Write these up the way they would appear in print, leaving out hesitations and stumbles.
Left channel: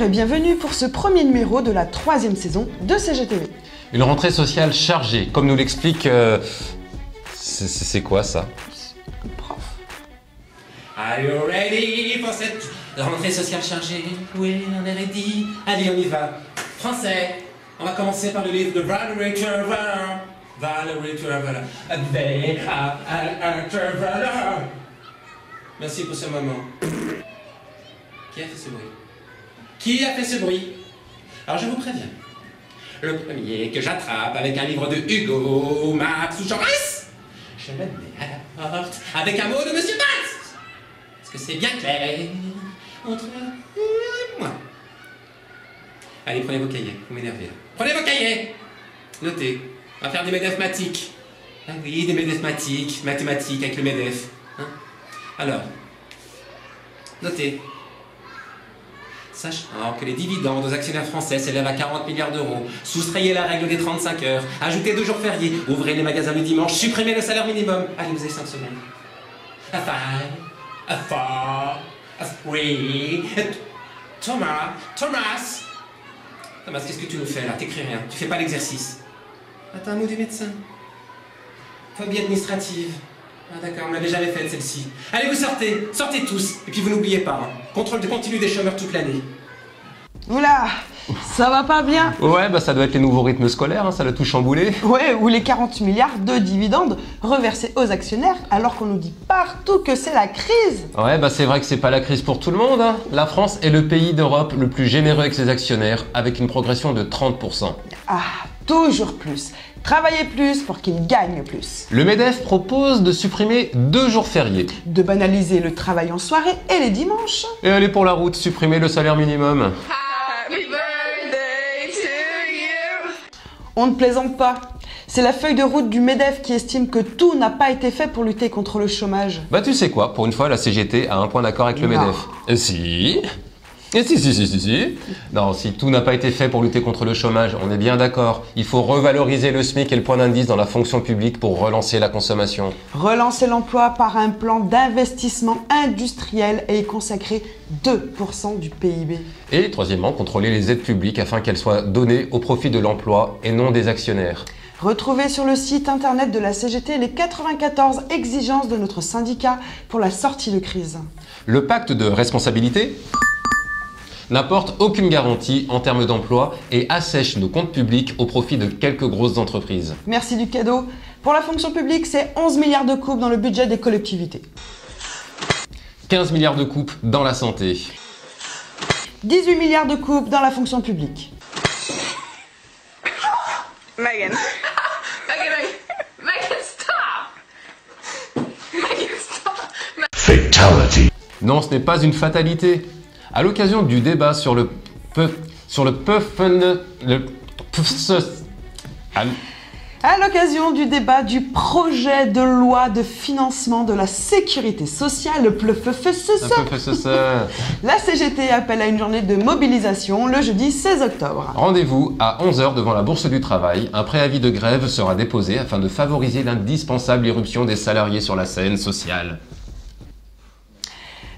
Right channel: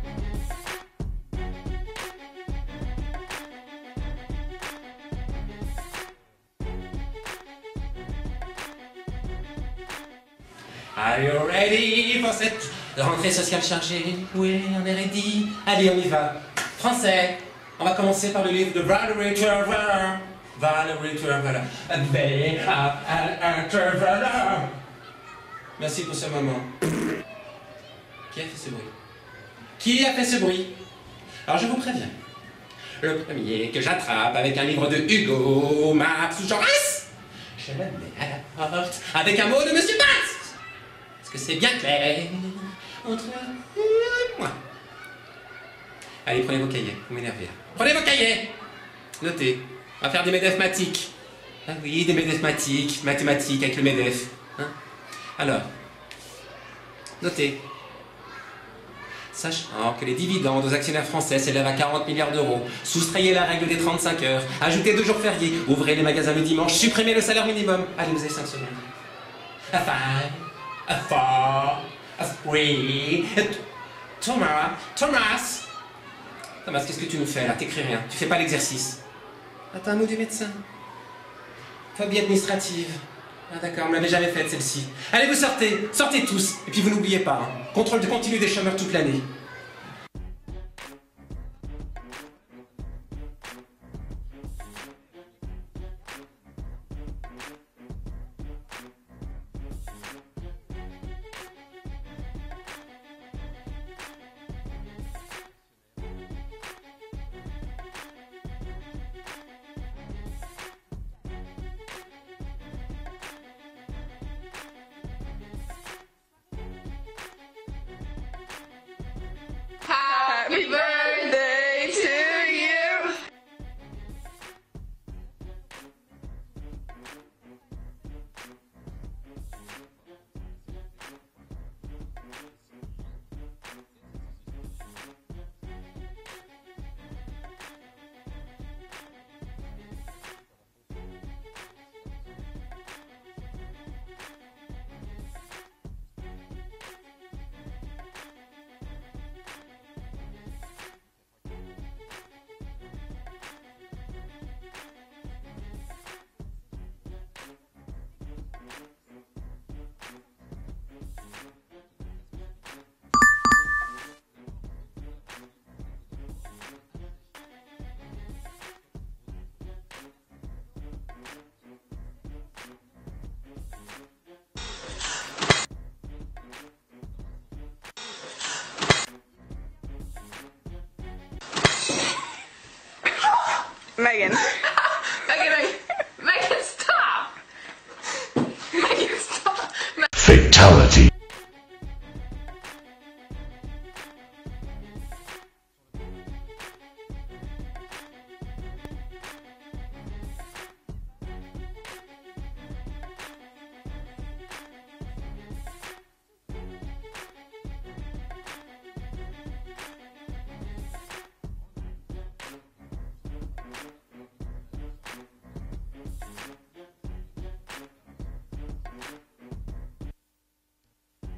Bonjour et bienvenue pour ce premier numéro de la 3e saison de CGTV. Une rentrée sociale chargée, comme nous l'explique... C'est quoi ça? Are you ready for cette rentrée sociale chargée? Oui, on est ready. Allez, on y va. Français, on va commencer par le livre de Valerie Trevor. Valerie Trevor. Merci pour ce moment. Qui a fait ce bruit? Qui a fait ce bruit? Alors je vous préviens. Le premier que j'attrape avec un livre de Hugo, Marx ou Joris, je le mets à la porte avec un mot de Monsieur Marx. Est-ce que c'est bien clair entre vous et moi? Allez, prenez vos cahiers, vous m'énervez là. Prenez vos cahiers. Notez, on va faire des mathématiques. Ah oui, des mathématiques avec le MEDEF. Hein? Alors, notez. Sachant que les dividendes aux actionnaires français s'élèvent à 40 milliards d'euros, soustrayez la règle des 35 heures, ajoutez 2 jours fériés, ouvrez les magasins le dimanche, supprimez le salaire minimum. Allez, vous avez 5 semaines. A 5, a 4, a 3... Thomas, qu'est-ce que tu nous fais là? T'écris rien, tu fais pas l'exercice. Attends, un mot du médecin. Phobie administrative. Ah d'accord, on l'avait jamais faite celle-ci. Allez, vous sortez tous. Et puis vous n'oubliez pas, hein, contrôle continu des chômeurs toute l'année. Oula, ça va pas bien? Ouais, bah ça doit être les nouveaux rythmes scolaires, hein, ça l'a tout chamboulé. Ouais, ou les 40 milliards de dividendes reversés aux actionnaires alors qu'on nous dit partout que c'est la crise. Ouais, bah c'est vrai que c'est pas la crise pour tout le monde, hein. La France est le pays d'Europe le plus généreux avec ses actionnaires, avec une progression de 30%. Ah, toujours plus. Travailler plus pour qu'ils gagnent plus. Le MEDEF propose de supprimer 2 jours fériés. De banaliser le travail en soirée et les dimanches. Et aller pour la route, supprimer le salaire minimum. Happy birthday to you. On ne plaisante pas. C'est la feuille de route du MEDEF qui estime que tout n'a pas été fait pour lutter contre le chômage. Bah tu sais quoi, pour une fois la CGT a un point d'accord avec le Non. MEDEF. Si. Et si. Non, si tout n'a pas été fait pour lutter contre le chômage, on est bien d'accord. Il faut revaloriser le SMIC et le point d'indice dans la fonction publique pour relancer la consommation. Relancer l'emploi par un plan d'investissement industriel et y consacrer 2% du PIB. Et troisièmement, contrôler les aides publiques afin qu'elles soient données au profit de l'emploi et non des actionnaires. Retrouvez sur le site internet de la CGT les 94 exigences de notre syndicat pour la sortie de crise. Le pacte de responsabilité n'apporte aucune garantie en termes d'emploi et assèche nos comptes publics au profit de quelques grosses entreprises. Merci du cadeau. Pour la fonction publique, c'est 11 milliards de coupes dans le budget des collectivités. 15 milliards de coupes dans la santé. 18 milliards de coupes dans la fonction publique. Megan, stop! Megan, stop! Fatality. Non, ce n'est pas une fatalité. À l'occasion du débat sur le À l'occasion du débat du projet de loi de financement de la sécurité sociale, la CGT appelle à une journée de mobilisation le jeudi 16 octobre. Rendez-vous à 11 h devant la Bourse du Travail. Un préavis de grève sera déposé afin de favoriser l'indispensable irruption des salariés sur la scène sociale.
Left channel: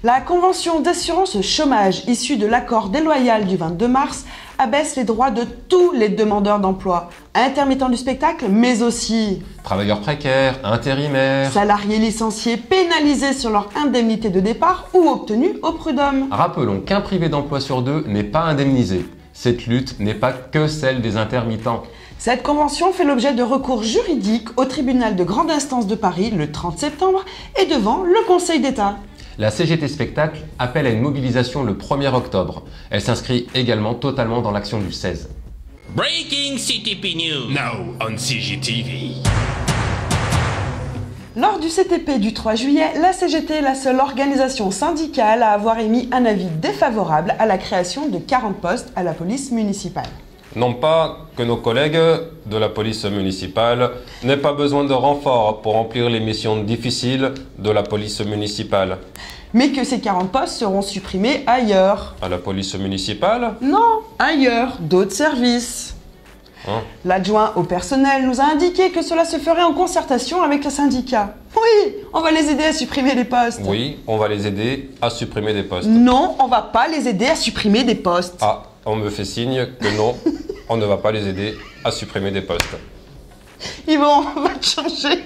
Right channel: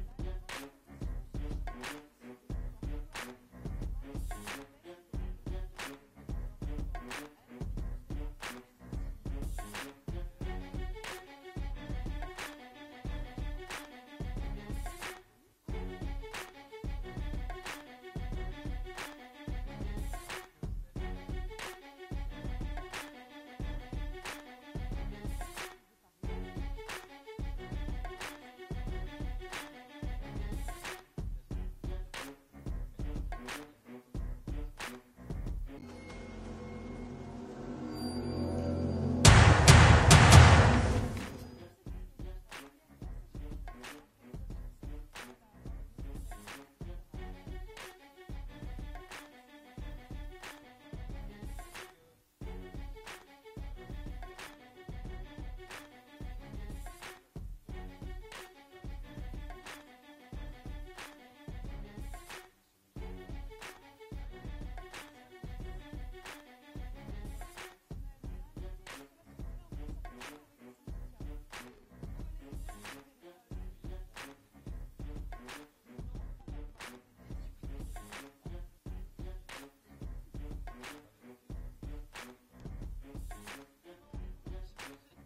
La convention d'assurance chômage issue de l'accord déloyal du 22 mars abaisse les droits de tous les demandeurs d'emploi, intermittents du spectacle, mais aussi Travailleurs précaires, intérimaires... salariés licenciés pénalisés sur leur indemnité de départ ou obtenus au prud'homme. Rappelons qu'un privé d'emploi sur 2 n'est pas indemnisé. Cette lutte n'est pas que celle des intermittents. Cette convention fait l'objet de recours juridiques au tribunal de grande instance de Paris le 30 septembre et devant le Conseil d'État. La CGT Spectacle appelle à une mobilisation le 1er octobre. Elle s'inscrit également totalement dans l'action du 16. Breaking CTP News. Now on CGTV. Lors du CTP du 3 juillet, la CGT est la seule organisation syndicale à avoir émis un avis défavorable à la création de 40 postes à la police municipale. Non pas que nos collègues de la police municipale n'aient pas besoin de renforts pour remplir les missions difficiles de la police municipale. Mais que ces 40 postes seront supprimés ailleurs. À la police municipale? Non, ailleurs, d'autres services. L'adjoint au personnel nous a indiqué que cela se ferait en concertation avec les syndicats. Oui, on va les aider à supprimer des postes. Oui, on va les aider à supprimer des postes. Non, on va pas les aider à supprimer des postes. Ah, on me fait signe que non, on ne va pas les aider à supprimer des postes. Yvon, on va te changer.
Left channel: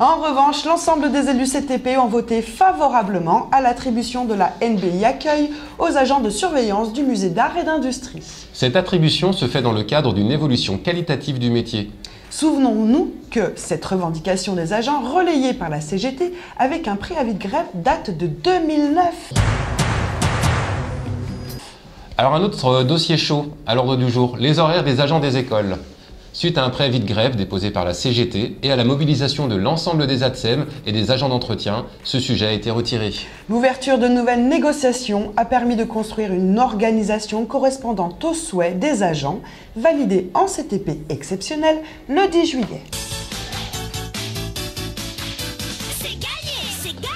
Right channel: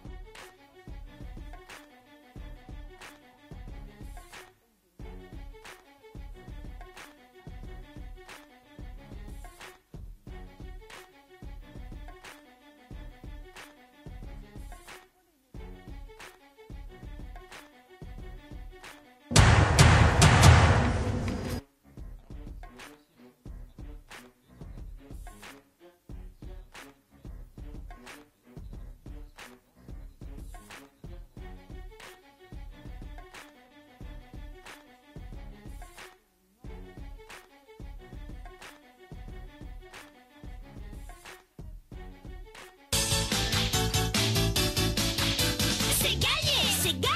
En revanche, l'ensemble des élus CTP ont voté favorablement à l'attribution de la NBI Accueil aux agents de surveillance du musée d'art et d'industrie. Cette attribution se fait dans le cadre d'une évolution qualitative du métier. Souvenons-nous que cette revendication des agents relayée par la CGT avec un préavis de grève date de 2009. Alors un autre dossier chaud à l'ordre du jour, les horaires des agents des écoles. Suite à un préavis de grève déposé par la CGT et à la mobilisation de l'ensemble des ATSEM et des agents d'entretien, ce sujet a été retiré. L'ouverture de nouvelles négociations a permis de construire une organisation correspondant aux souhaits des agents, validée en CTP exceptionnel le 10 juillet.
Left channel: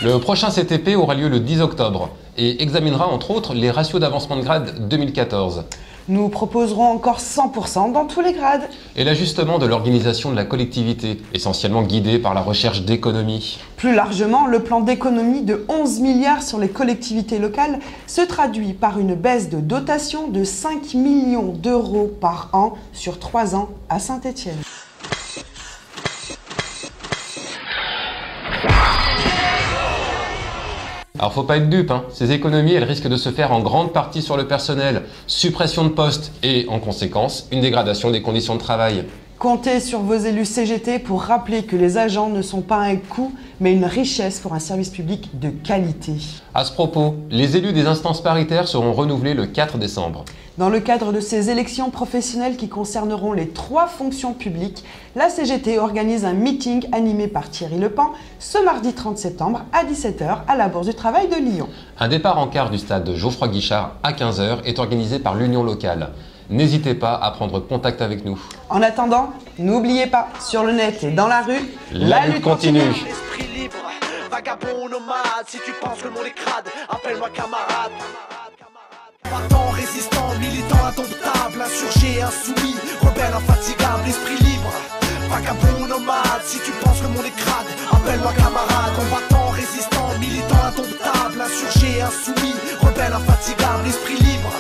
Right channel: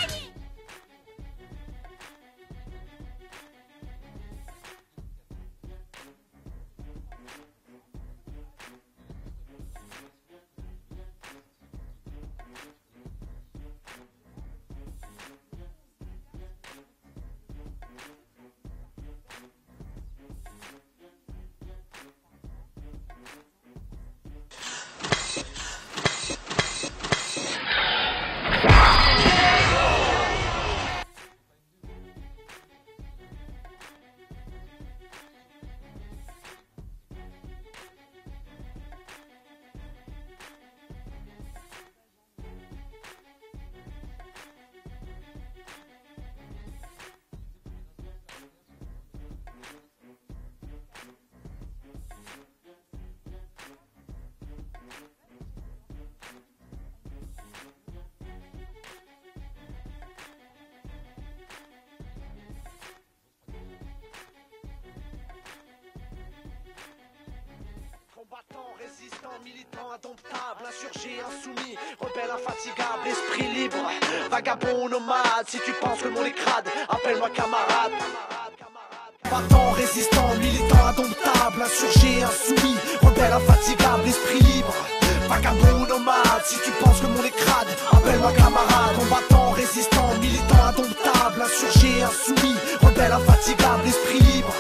Le prochain CTP aura lieu le 10 octobre et examinera entre autres les ratios d'avancement de grade 2014. Nous proposerons encore 100% dans tous les grades. Et l'ajustement de l'organisation de la collectivité, essentiellement guidée par la recherche d'économies. Plus largement, le plan d'économie de 11 milliards sur les collectivités locales se traduit par une baisse de dotation de 5 millions d'euros par an sur 3 ans à Saint-Étienne. Alors faut pas être dupe, ces économies elles risquent de se faire en grande partie sur le personnel, suppression de postes et en conséquence une dégradation des conditions de travail. Comptez sur vos élus CGT pour rappeler que les agents ne sont pas un coût mais une richesse pour un service public de qualité. À ce propos, les élus des instances paritaires seront renouvelés le 4 décembre. Dans le cadre de ces élections professionnelles qui concerneront les 3 fonctions publiques, la CGT organise un meeting animé par Thierry Lepan ce mardi 30 septembre à 17 h à la Bourse du Travail de Lyon. Un départ en quart du stade Geoffroy Guichard à 15 h est organisé par l'Union locale. N'hésitez pas à prendre contact avec nous. En attendant, n'oubliez pas, sur le net et dans la rue, la lutte continue. Esprit libre, vagabond nomade, si tu penses que le monde est crade, appelle-moi camarade. Battant, résistant, militant indomptable, insurgé, insoumis, rebelle infatigable, esprit libre. Vagabond nomade, si tu penses que le monde est crade, appelle-moi camarade. Combattant, résistant, militant indomptable, insurgé, insoumis, rebelle infatigable, esprit libre.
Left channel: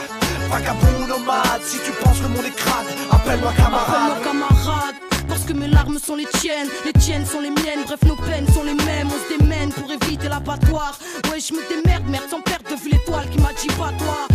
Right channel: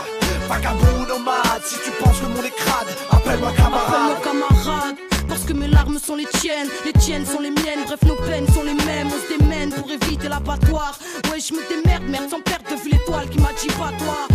Vagabond nomade, si tu penses que le monde est crade, appelle-moi camarade. Appelle-moi camarade, parce que mes larmes sont les tiennes sont les miennes, bref nos peines sont les mêmes, on se démène pour éviter l'abattoir. Ouais je me démerde, merde sans perdre de vue l'étoile qui m'a dit pas toi.